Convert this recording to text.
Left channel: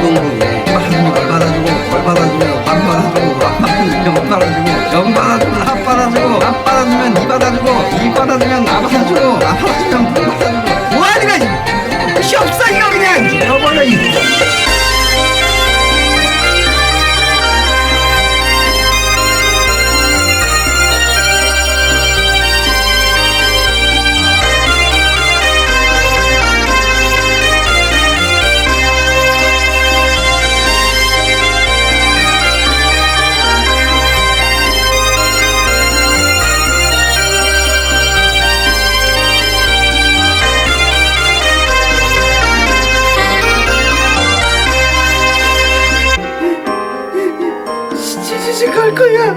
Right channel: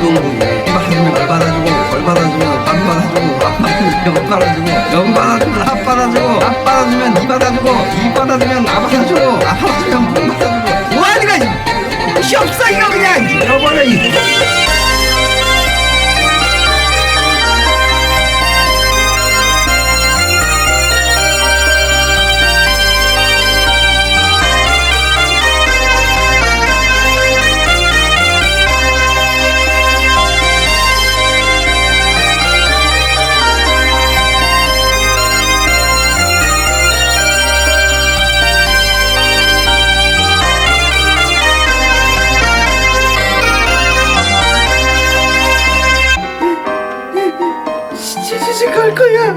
날과 후동부에 받아주면 걸 받아주고 걸 받아주면 밥 받아주고 밥 받아주면 영 받아주고 영 받아주면 합 받아주고 합 받아주면 이 받아주고 이 받아주면 나 받아주고 나 받아주면 분 받아주고 뭐하니까 시 없어 이거 그냥. 잃어버려 이 지지직 갈 거야